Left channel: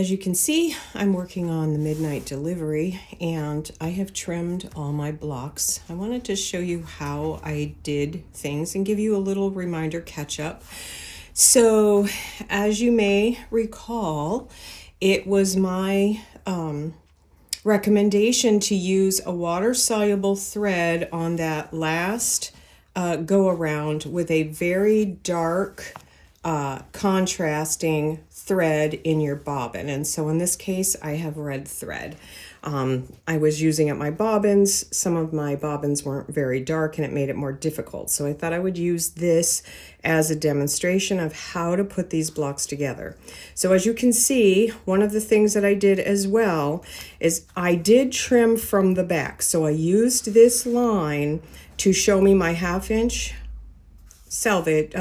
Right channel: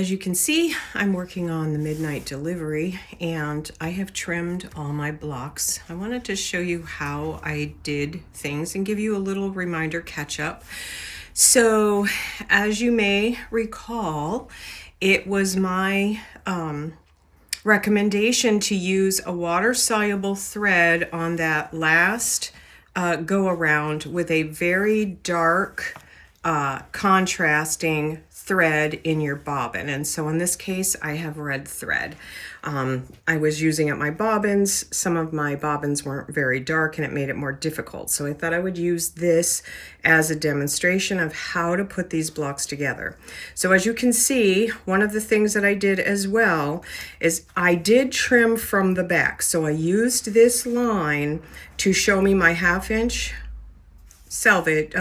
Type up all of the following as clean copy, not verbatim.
As you can see, I'm working on the midnight delivery and I have trimmed all my blocks. I wanted to show you how I did things and give you a little reminder catch up. So as you may recall, it was my recommendation to use a water-soluble thread on that last go around with a very dark contrasting thread in your bobbin. And so in this case, I have red thread. I was using at my bobbins. Some of my bobbins weren't very dark and it made it more difficult. So I thought I would use this as a demonstration of how to put these blocks together. So as you can see, one of the things that I did as well is I did trim from the back. So I used this line to show me my 1/2 inch selvage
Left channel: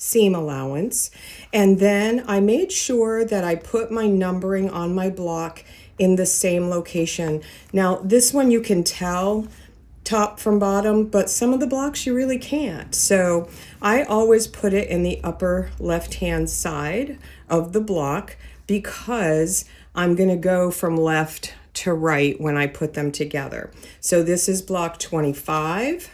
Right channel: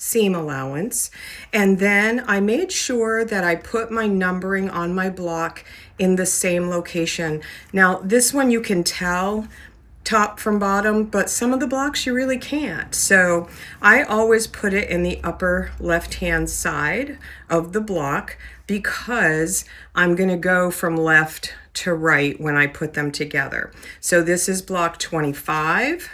seam allowance, and then I made sure that I put my numbering on my block in the same location. Now this one you can tell top from bottom, but some of the blocks you really can't. So I always put it in the upper left hand side of the block because I'm going to go from left to right when I put them together. So this is block 25.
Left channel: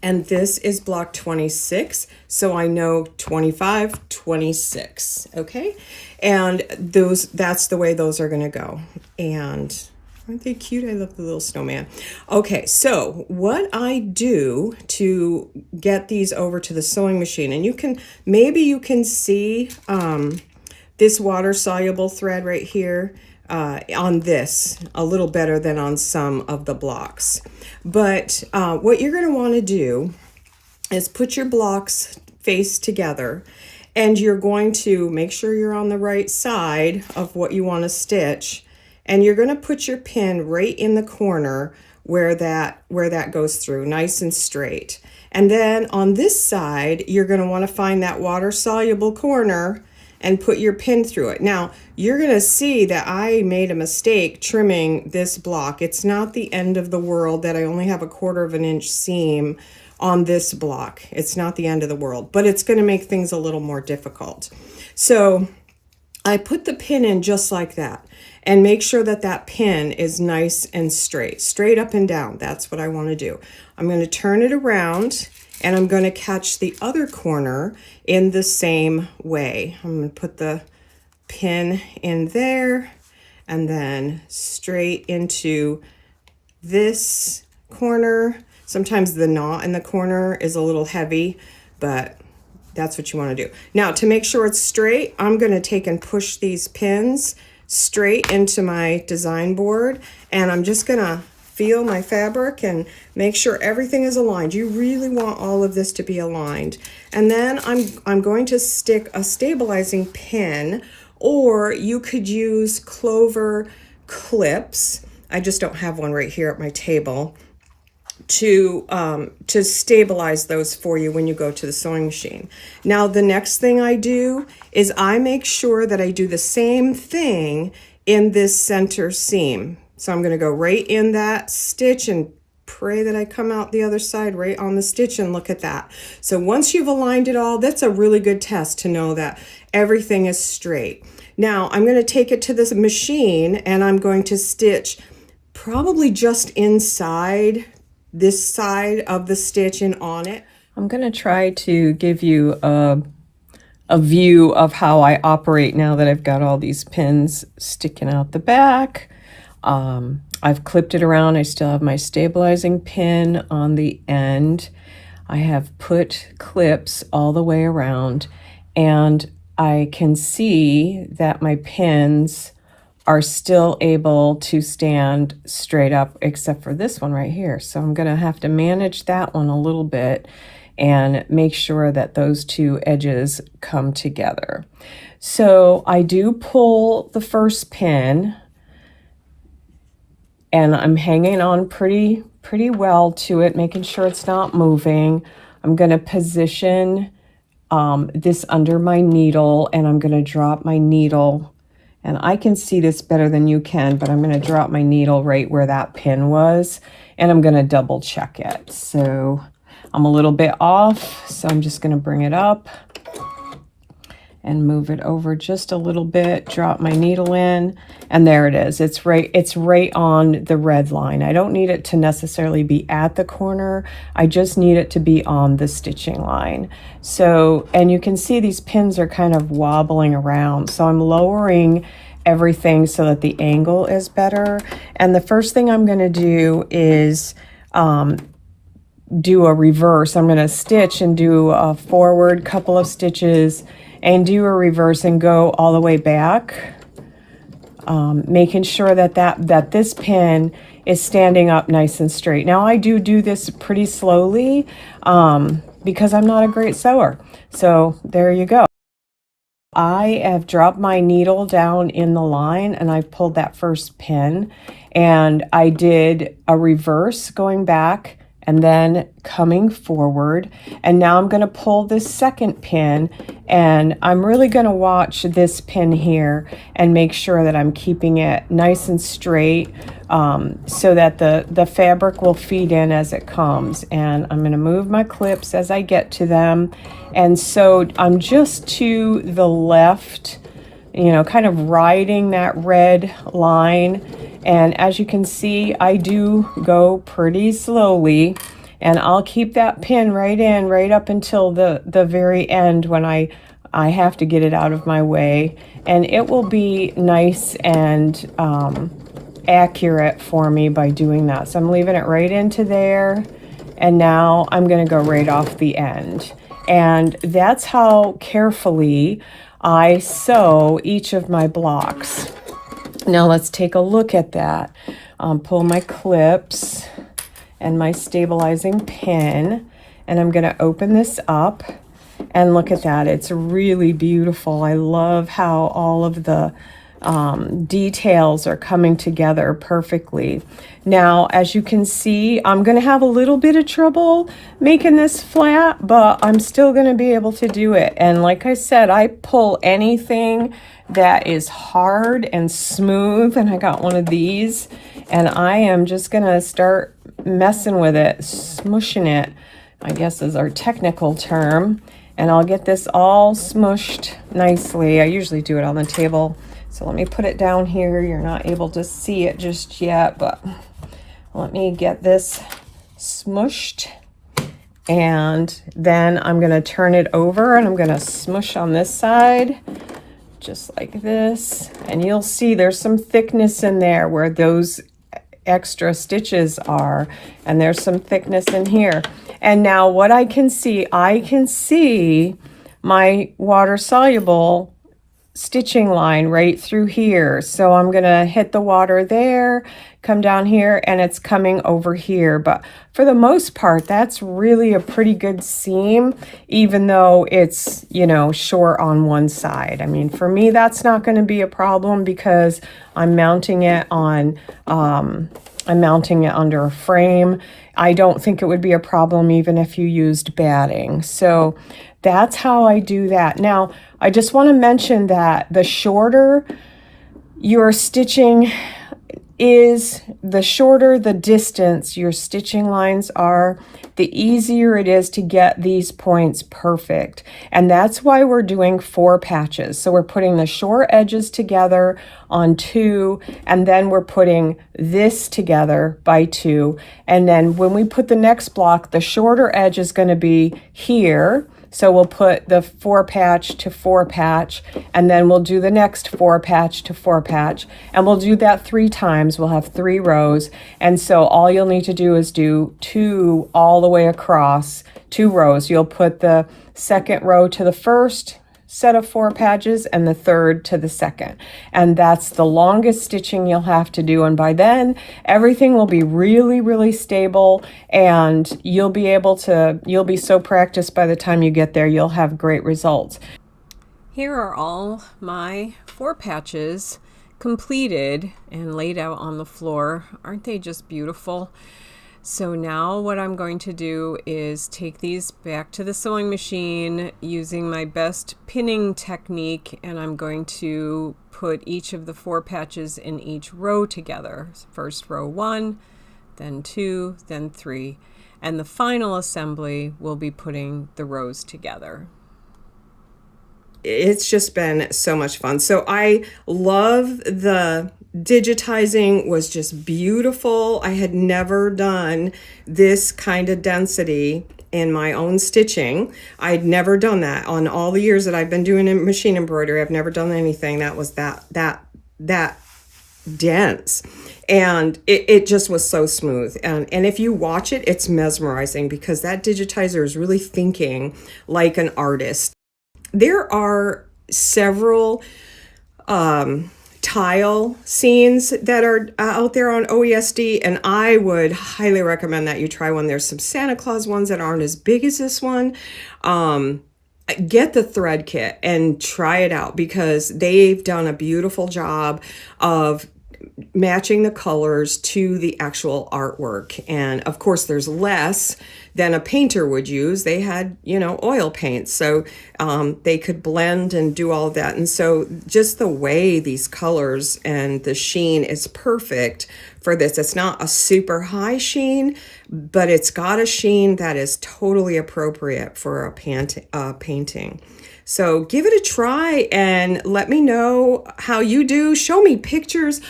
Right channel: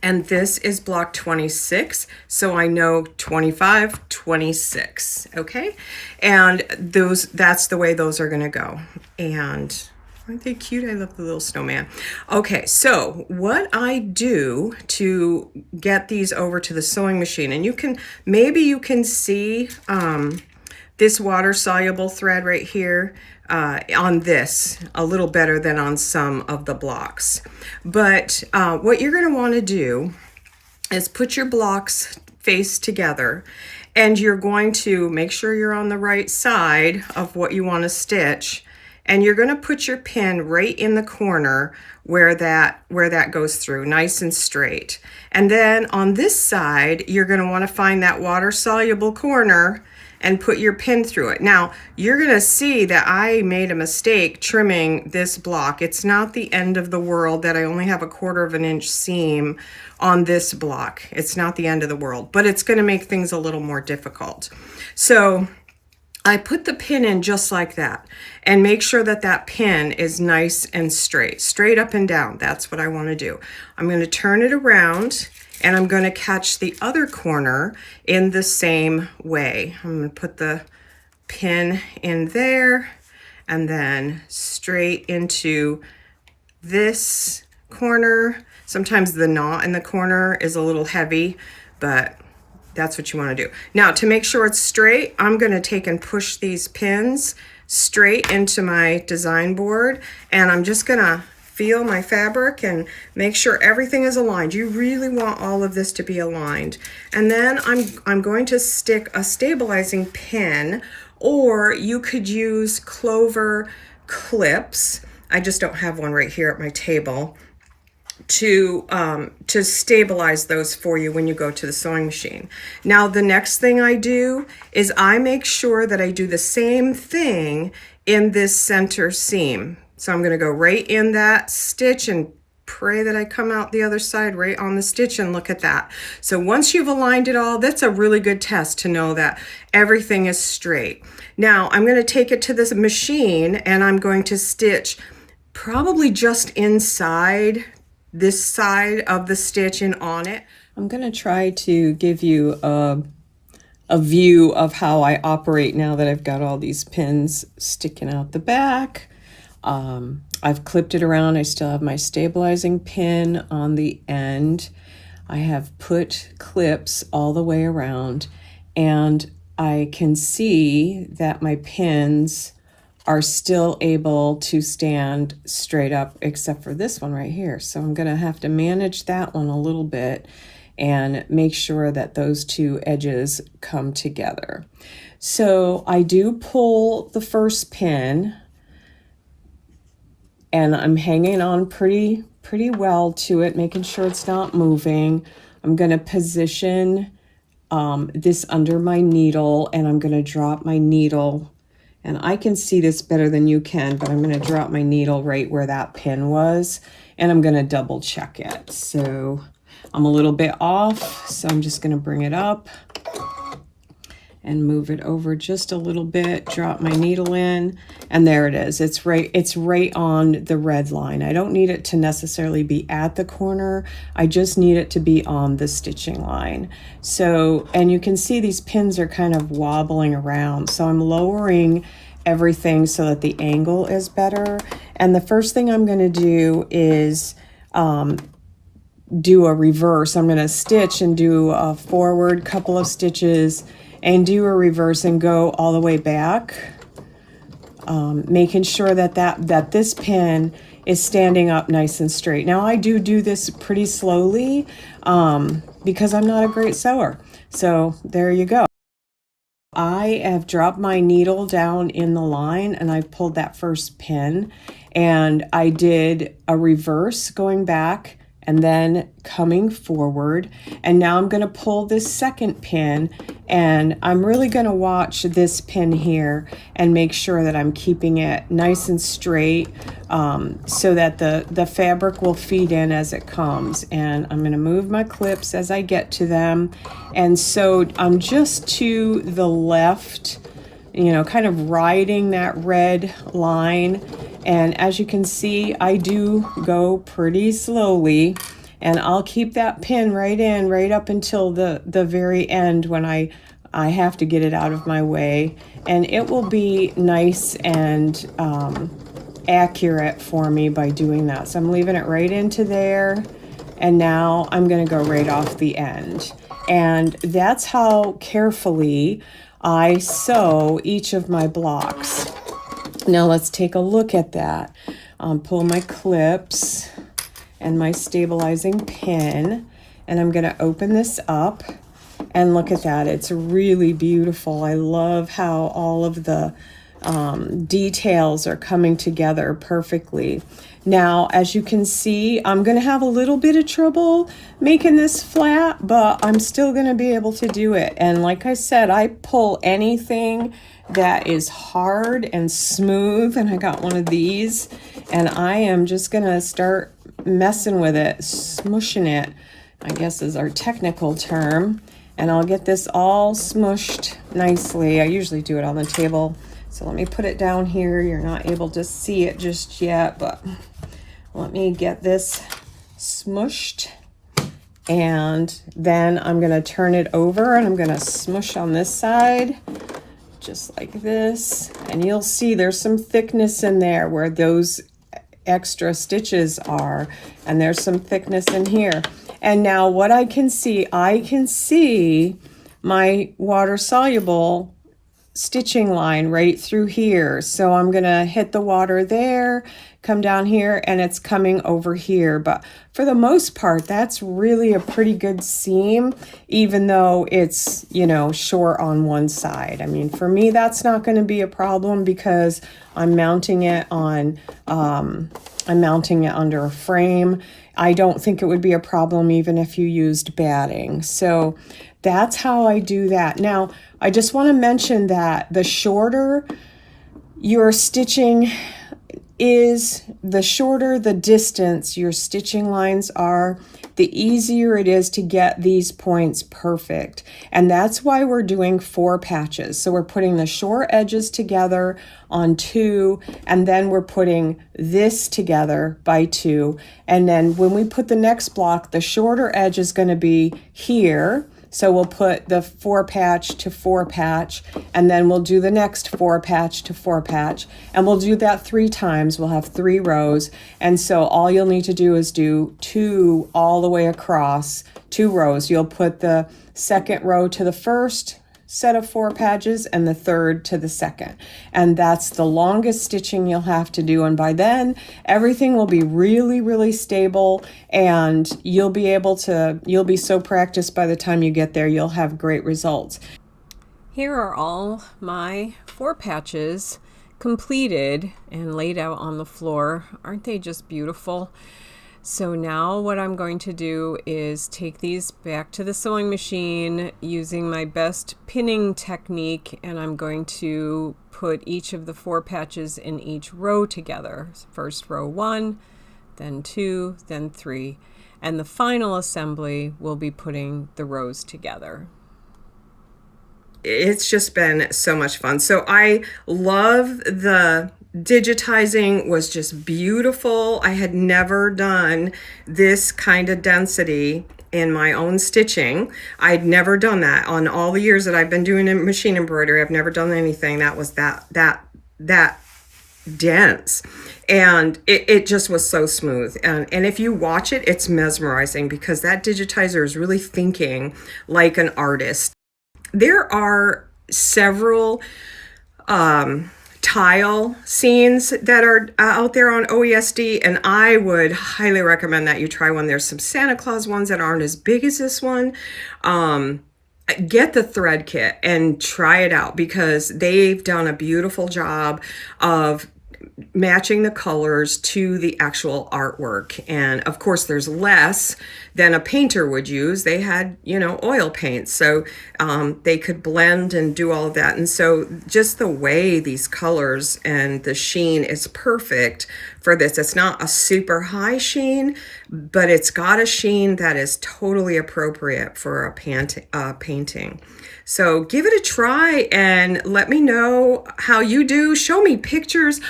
And this is block 26, so I know 25, 26, okay? And that's the way those are gonna go. And aren't they cute? I love the little snowman. Okay, so what I do to get these over to the sewing machine, and maybe you can see this water-soluble thread right here, on this a little better than on some of the blocks. But what you're going to want to do is put your blocks face together, and you're going to make sure you're on the right side of what you want to stitch, and you're going to put your pin right in the corner where that goes through, nice and straight. And then on this side, you're going to want to find that water-soluble corner and put your pin through it. Now, you're gonna see that I made a mistake trimming this block. It's not the end of the world that I only have a 1/4 inch seam on this block. It's not the end of the world, but it's gonna make things a little more difficult. So I put the pin in just like that, and make sure that that pin is nice and straight up and down. That's what I wanna do. I'm gonna turn it around, and I'm going to catch the other corner in the same way. I'm going to put the pin in there and then straight into this corner. Sometimes the knot in the corner is a little heavy, but that's what you want to do. Now, to make sure it's straight, I'm going to take and push these pins straight into my design board, and I'm just going to feel my fabric and make sure everything is aligned. You really want all of this to be aligned. And then I'm going to stick a stabilizing pin, or you could use clover clips. I just don't have one right here at my table to stabilize those for you when you go to the sewing machine. Now, the next thing I do is I make sure that I do the same thing in this center seam. So I'm going to go right in that stitch and pray that I come out the other side right on the stitch, and look at that. So once you've aligned it all, that's a really good test to know that everything is straight. Now I'm going to take it to this machine and I'm going to stitch probably just inside this side of the stitch and on it. I'm going to try to give you a view of how I operate now that I've got all these pins sticking out the back. I've clipped it around. I still have my stabilizing pin on the end. I have put clips all the way around, and I can see that my pins are still able to stand straight up, except for this one right here. So I'm going to have to manage that one a little bit and make sure that those two edges come together. So I do pull the first pin, and I'm hanging on pretty well to it, making sure it's not moving. I'm going to position this under my needle, and I'm going to drop my needle. And I can see this better than you can, but I'm going to drop my needle right where that pin was, and I'm going to double check it. So I'm a little bit off, so I'm just going to bring it up and move it over just a little bit, drop my needle in, and there it is. It's right on the red line. I don't need it to necessarily be at the corner. I just need it to be on the stitching line. So, and you can see these pins are kind of wobbling around. So I'm lowering everything so that the angle is better. And the first thing I'm gonna do is do a reverse. I'm gonna stitch and do a forward couple of stitches and do a reverse and go all the way back, making sure that this pin is standing up nice and straight. Now I do this pretty slowly because I'm not a great sewer. So there you go. I have dropped my needle down in the line and I pulled that first pin and I did a reverse going back and then coming forward. And now I'm gonna pull this second pin and I'm really gonna watch this pin here and make sure that I'm keeping it nice and straight so that the fabric will feed in as it comes. And I'm gonna move my clips as I get to them. And so I'm just to the left, you know, kind of riding that red line. And as you can see, I do go pretty slowly and I'll keep that pin right in right up until the very end when I have to get it out of my way. And it will be nice and accurate for me by doing that. So I'm leaving it right into there. And now I'm gonna go right off the end. And that's how carefully I sew each of my blocks. Now let's take a look at that. Pull my clips and my stabilizing pin, and I'm gonna open this up and look at that. It's really beautiful. I love how all of the details are coming together perfectly. Now, as you can see, I'm gonna have a little bit of trouble making this flat, but I'm still gonna be able to do it. And like I said, I pull anything that is hard and smooth, and I got one of these, and I am just gonna start messing with it, smushing it, I guess is our technical term, and I'll get this all smushed nicely. I usually do it on the table. So let me put it down here. You're not able to see it just yet, but let me get this smushed. And then I'm gonna turn it over and I'm gonna smush on this side, just like this. And you'll see there's some thickness in there where those extra stitches are, and there's some thickness in here. And now what I can see my water-soluble stitching line right through here. So I'm gonna hit the water there, come down here, and it's coming over here. But for the most part, that's really a pretty good seam, even though it's, you know, short on one side. I mean, for me, that's not gonna be a problem because I'm mounting it on, I'm mounting it under a frame. I don't think it would be a problem even if you used batting. So that's how I do that. Now, I just want to mention that the shorter your stitching is, the shorter the distance your stitching lines are, the easier it is to get these points perfect. And that's why we're doing 4 patches. So we're putting the short edges together on 2, and then we're putting this together by 2. And then when we put the next block, the shorter edge is going to be here. So we'll put the 4 patch to 4 patch, and then we'll do the next 4 patch to 4 patch, and we'll do that 3 times. We'll have 3 rows. And so all you'll need to do is do 2 all the way across, 2 rows. You'll put the second row to the first set of 4 patches and the third to the second. And that's the longest stitching you'll have to do. And by then, everything will be really, really stable, and you'll be so practiced by the time you get there, you'll have great results. Here are all my 4 patches completed and laid out on the floor. Aren't they just beautiful? So now what I'm going to do is take these back to the sewing machine using my best pinning technique, and I'm going to put each of the 4 patches in each row together. First row 1, then 2, then 3, and the final assembly will be putting the rows together. it's just been so much fun. So I love the digitizing, was just beautiful. I had never done this kind of density in my own stitching. I'd never done that on all the years that I've been doing machine embroidery. I've never done anything that was that dense, and it just was so smooth. And if you watch it, it's mesmerizing because that digitizer is really thinking like an artist. There are several tile scenes that are out there on OESD, and I would highly recommend that you try one. There's some Santa Claus ones that aren't as big as this one. Get the thread kit and try it out because they've done a beautiful job of matching the colors to the actual artwork. And of course, there's less than a painter would use. They had, oil paint, so they could blend and do all of that. And so just the way these colors and the sheen is perfect for this. It's not a super high sheen, but it's got a sheen that is totally appropriate for a painting. So give it a try and let me know how you do. Show me pictures.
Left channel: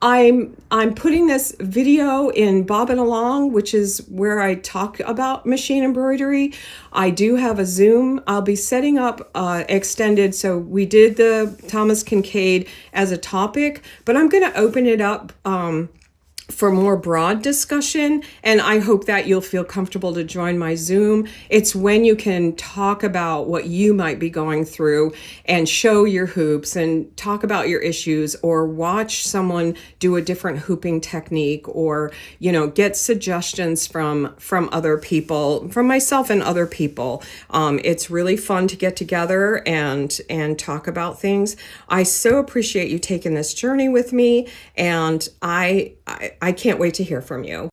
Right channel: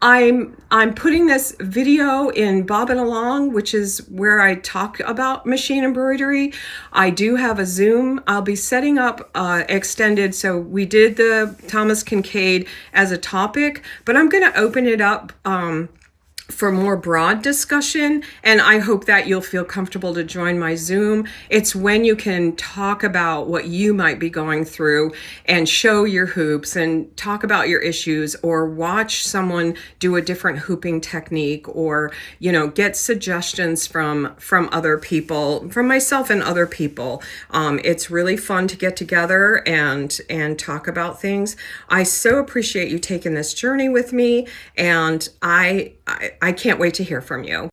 I'm putting this video in Bobbin Along, which is where I talk about machine embroidery. I do have a Zoom. I'll be setting up extended. So we did the Thomas Kincaid as a topic, but I'm going to open it up for more broad discussion, and I hope that you'll feel comfortable to join my Zoom. It's when you can talk about what you might be going through and show your hoops and talk about your issues, or watch someone do a different hooping technique, or get suggestions from other people, from myself and other people. It's really fun to get together and talk about things. I so appreciate you taking this journey with me, and I can't wait to hear from you.